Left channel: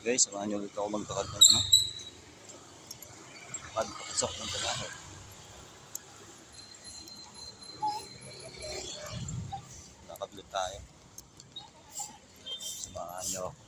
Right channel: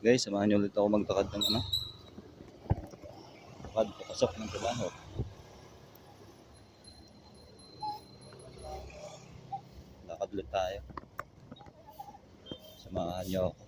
Guys, samahan niyo ulit ako maglakad ng lakad papasok ng trabaho. Lakad ulit tayo. Samahan niyo ako.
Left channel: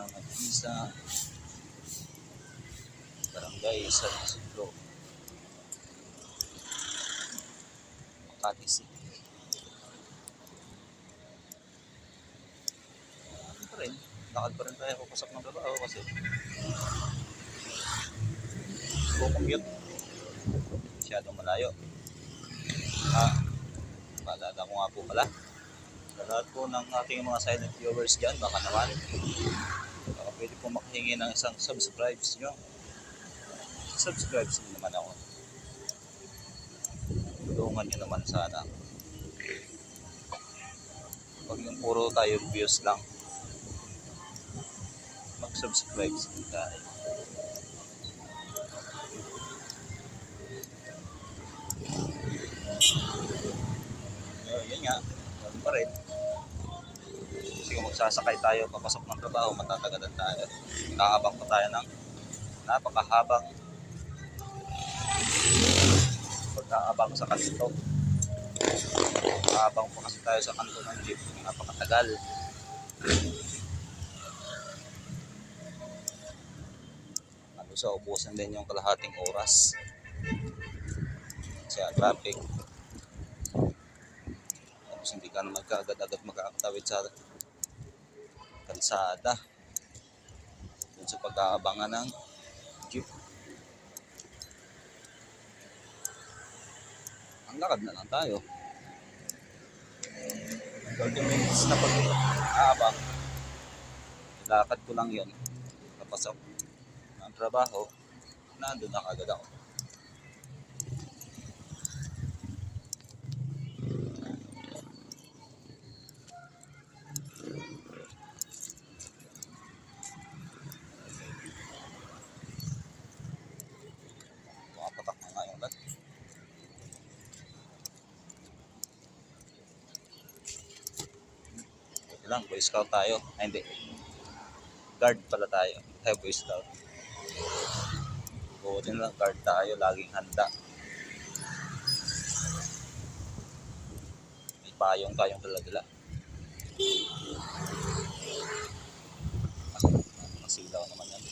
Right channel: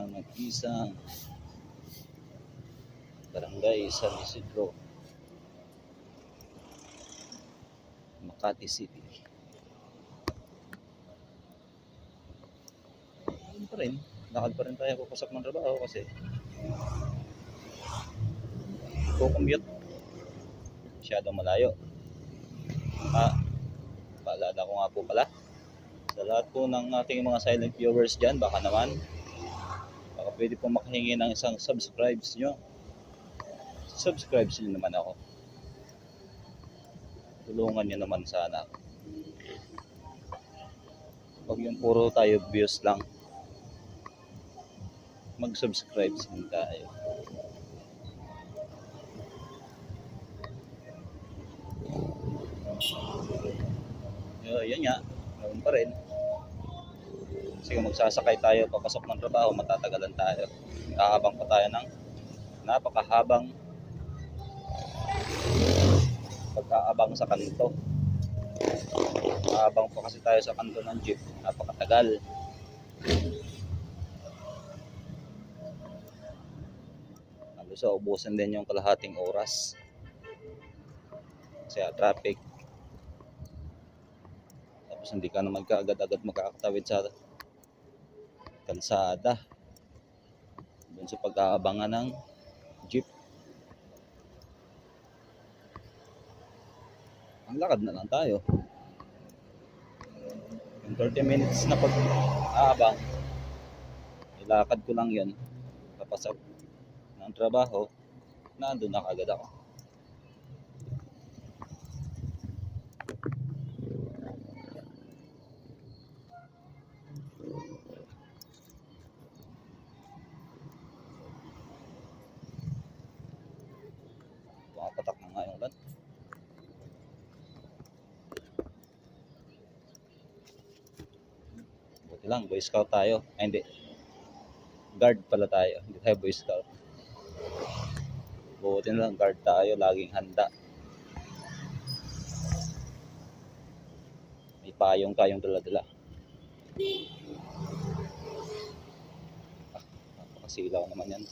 Ang mag-isa. Barangay San Isidro, Makati City. Ano pa rin? Lakad pa rin tayo papasok ng trabaho kasi commute. Masyadong malayo. Paalala ko nga po pala sa lahat po ng ating mga silent viewers dyan, baka pwede po makahingi ng isang subscribes nyo. Subscribes nyo naman ako. Tulungan nyo naman sana. Pag yung puro tayo views lang, mag-subscribe din tayo. Yan nga, ganoon pa rin. Sige, magsasakay tayo papasok ng trabaho, matatagalan tayo. Kakabang pa tayo ng napakahabang pag-aabang sa kanto. Kakabang pa kasi tayo sa kanto ng jeep, napakatagal. So, ubusan din yung kalahating oras kasi traffic. Tapos hindi ka naman kaagad-agad makakatawid sa kalsada dun sa pag-aabangan ng jeep. Ang lakad na lang tayo. 30 minutes na pag-aabang. Ilakad ko lang yun. Papasok ng trabaho, nandun na kagad ako. Patak na nga yung ulan. Buti lang, Boy Scout tayo. Ay, hindi. Guard pala tayo. Hindi tayo Boy Scout. Buti na lang, guard tayo. Laging handa. May payong dala-dala. Nakasilaw naman yan.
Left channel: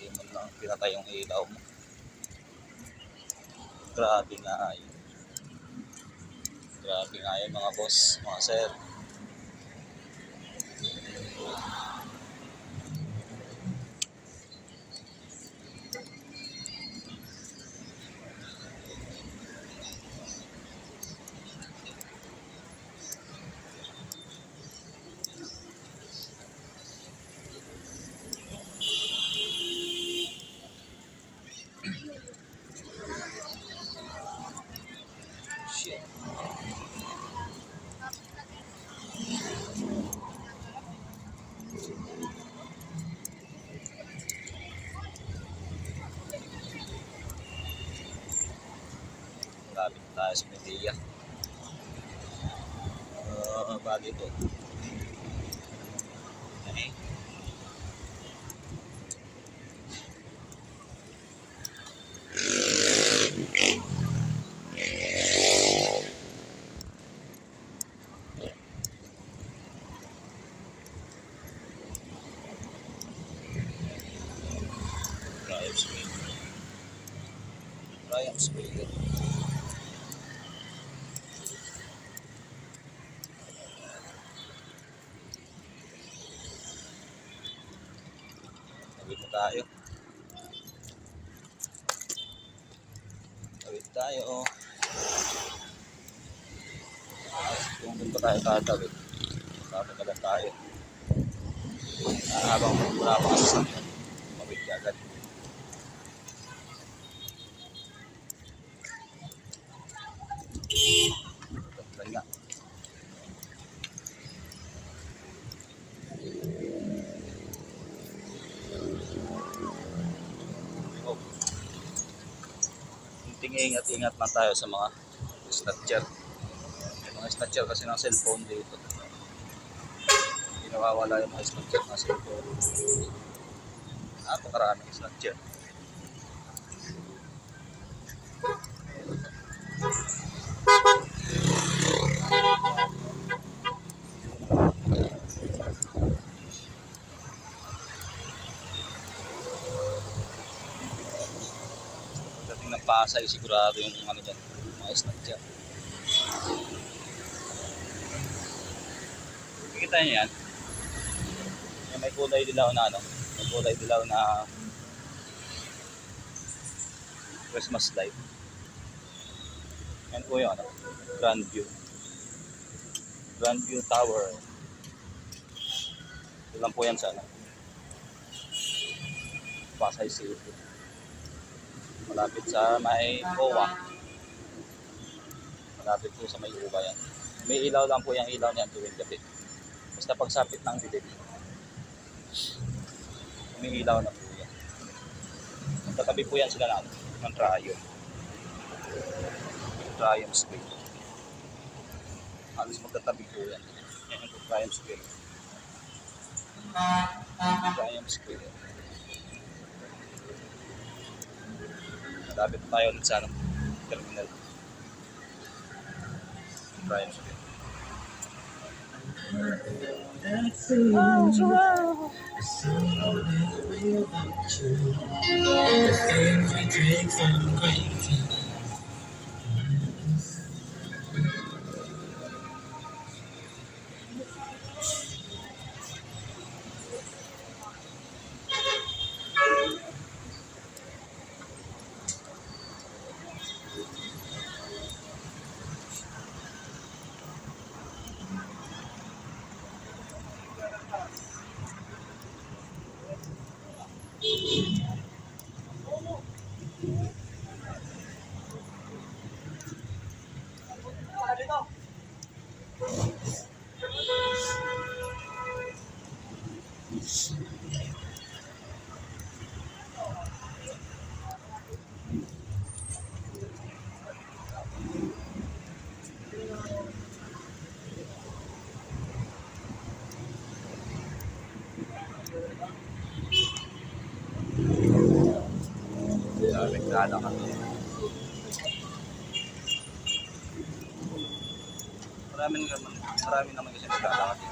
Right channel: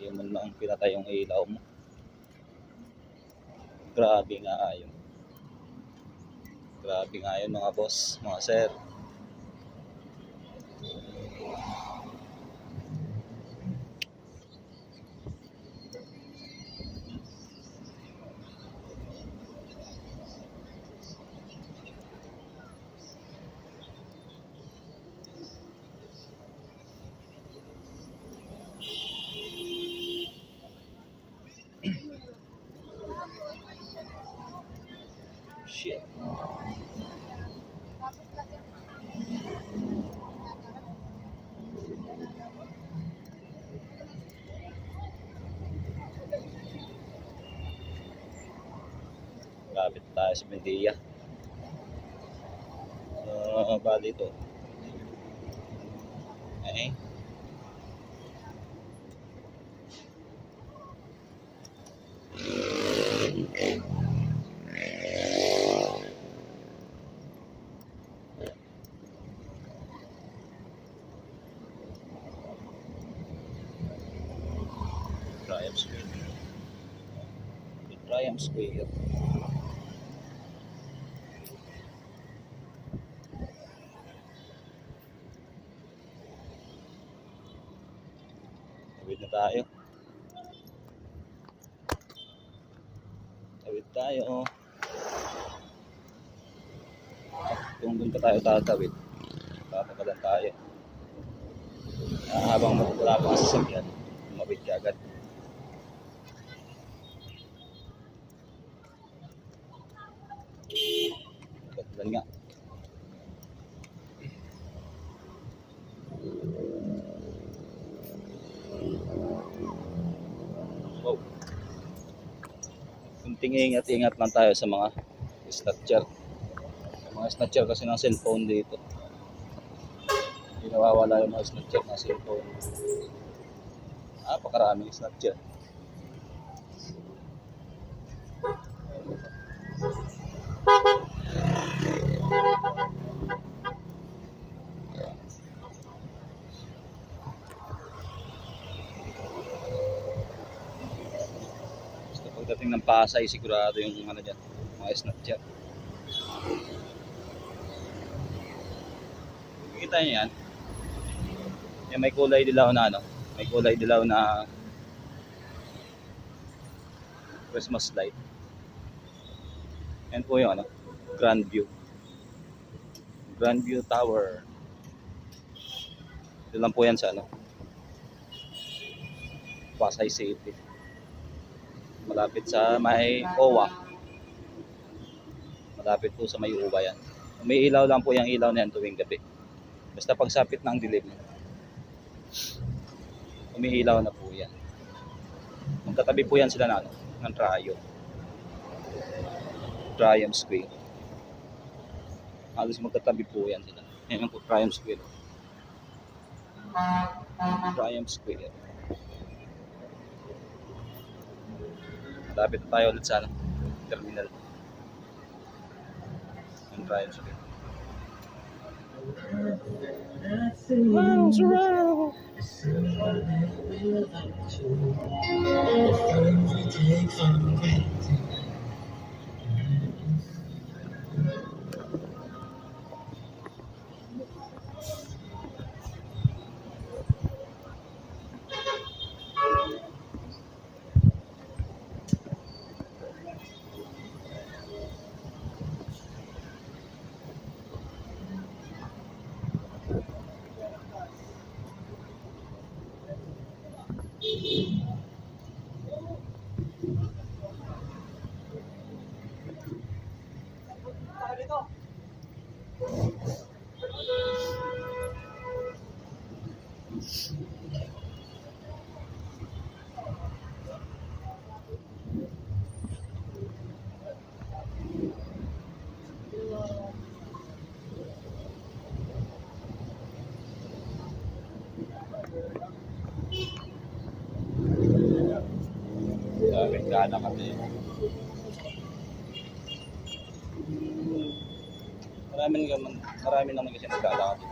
Hindi mo lang pinatay yung ilaw mo. Grabe nga yun. Grabe nga yun mga boss, mga sir. Shit. Lapit tayo sa Medea. Bali ito. Okay. Triumph Square. Tawid na tayo. Tawid tayo. Kung doon pa tayo tatawid, papagalan tayo. Habang wala pa kasi sasakyan, mawid ka agad. Tatlan nga. Oh. tingin at ingat lang tayo sa mga snatcher. May mga snatcher kasi ng cellphone dito. Hindi nawawala yung mga snatcher ng cellphone. Napakaraming snatcher. Pagdating ng Pasay, sigurado yung ano dyan, mga snatcher. Nakikita nyo yan? Yung may kulay dilaw na ano, may kulay dilaw na Christmas light. Yan po yung ano, Grandview. Grandview Tower. Ito lang po yan sa ano, Pasay City. Malapit sa may OWA. Malapit po sa may OWA yan. May ilaw lang po yung ilaw na yan tuwing gabi. Basta pagsapit ng dilim, umiilaw na po yan. Magtatabi po yan sila na ano, ng Triumph Square. Halos magtatabi po yan. Yan yung Triumph Square. Triumph Square. Malapit tayo ulit sa ano, terminal. Yung Triumph Square. Nagdala kami. Marami naman kasi nagdala kami.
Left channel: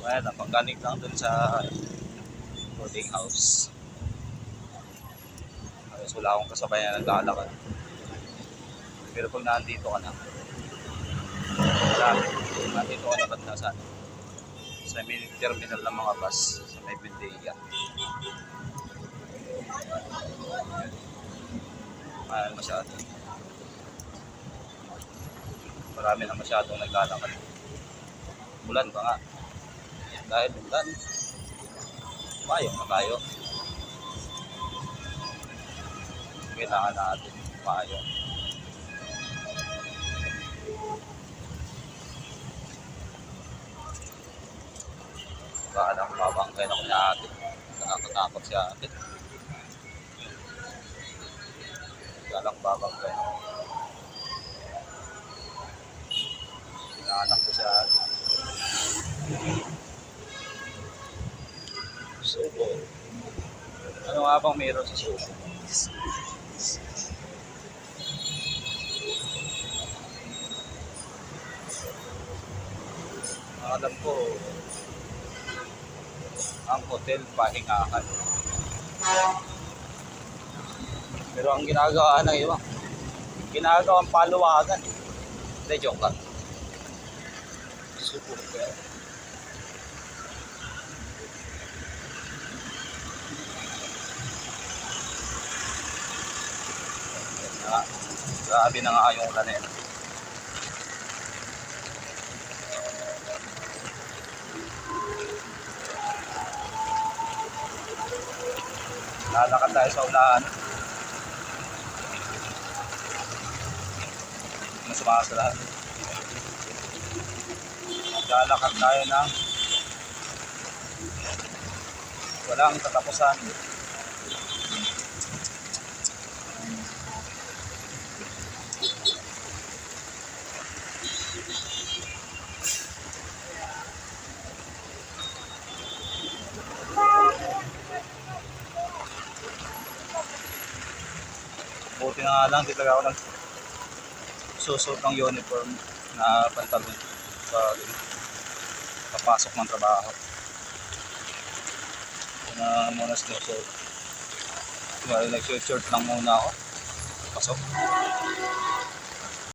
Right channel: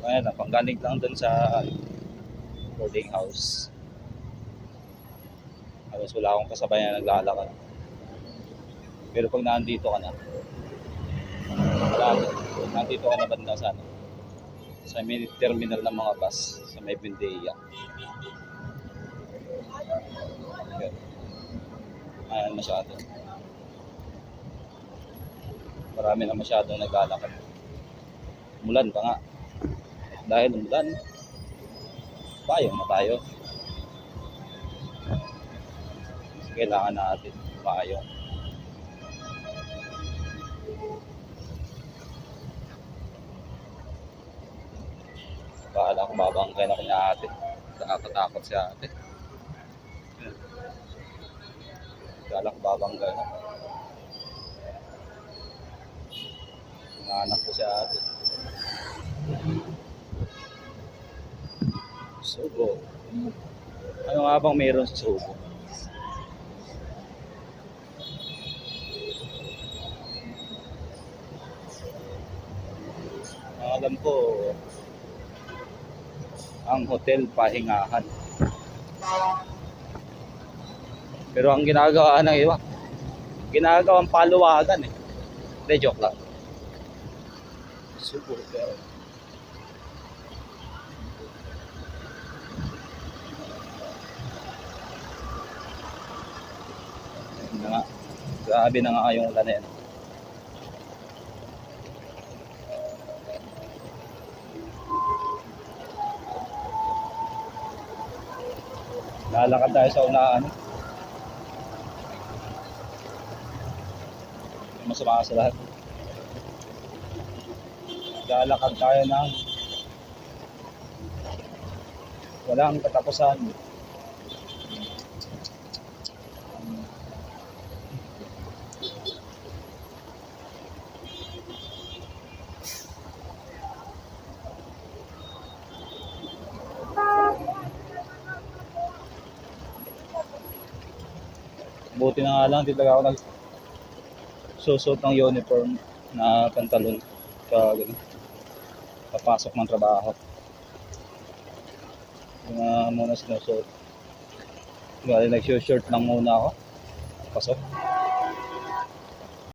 Kaya lang, panggaling lang dun sa boarding house. Halos wala akong kasabay na naglalakad. Pero pag nandito ka na, malapit. Nandito ka na ba't na sa mini terminal ng mga bus sa may Bendeya. Ayan masyado. Marami na masyadong naglalakad. Mulan pa nga. Dahil mulan, payong na tayo. Kailangan natin payong. Baka ko babangkay na ko niya ate. Nakakatakot si ate. Galang babangkay na. Sinaanak ko si ate. Subo. Ano nga bang meron sa Subo? Alam ko, ang hotel pahingahan. Pero ang ginagawa ng iba, ginagawang paluwagan eh. Hindi, joke lang. Super well. Grabe na nga yung ulan na yan. Lalakad tayo sa unahan. Masama sa lahat. Lalakad tayo ng walang katapusan. Buti na nga lang, di talaga ako nagsusot ng uniform na pantalon sa papasok ng trabaho. Yun na muna sinusuot. Kaya nag-short lang muna ako. Pasok.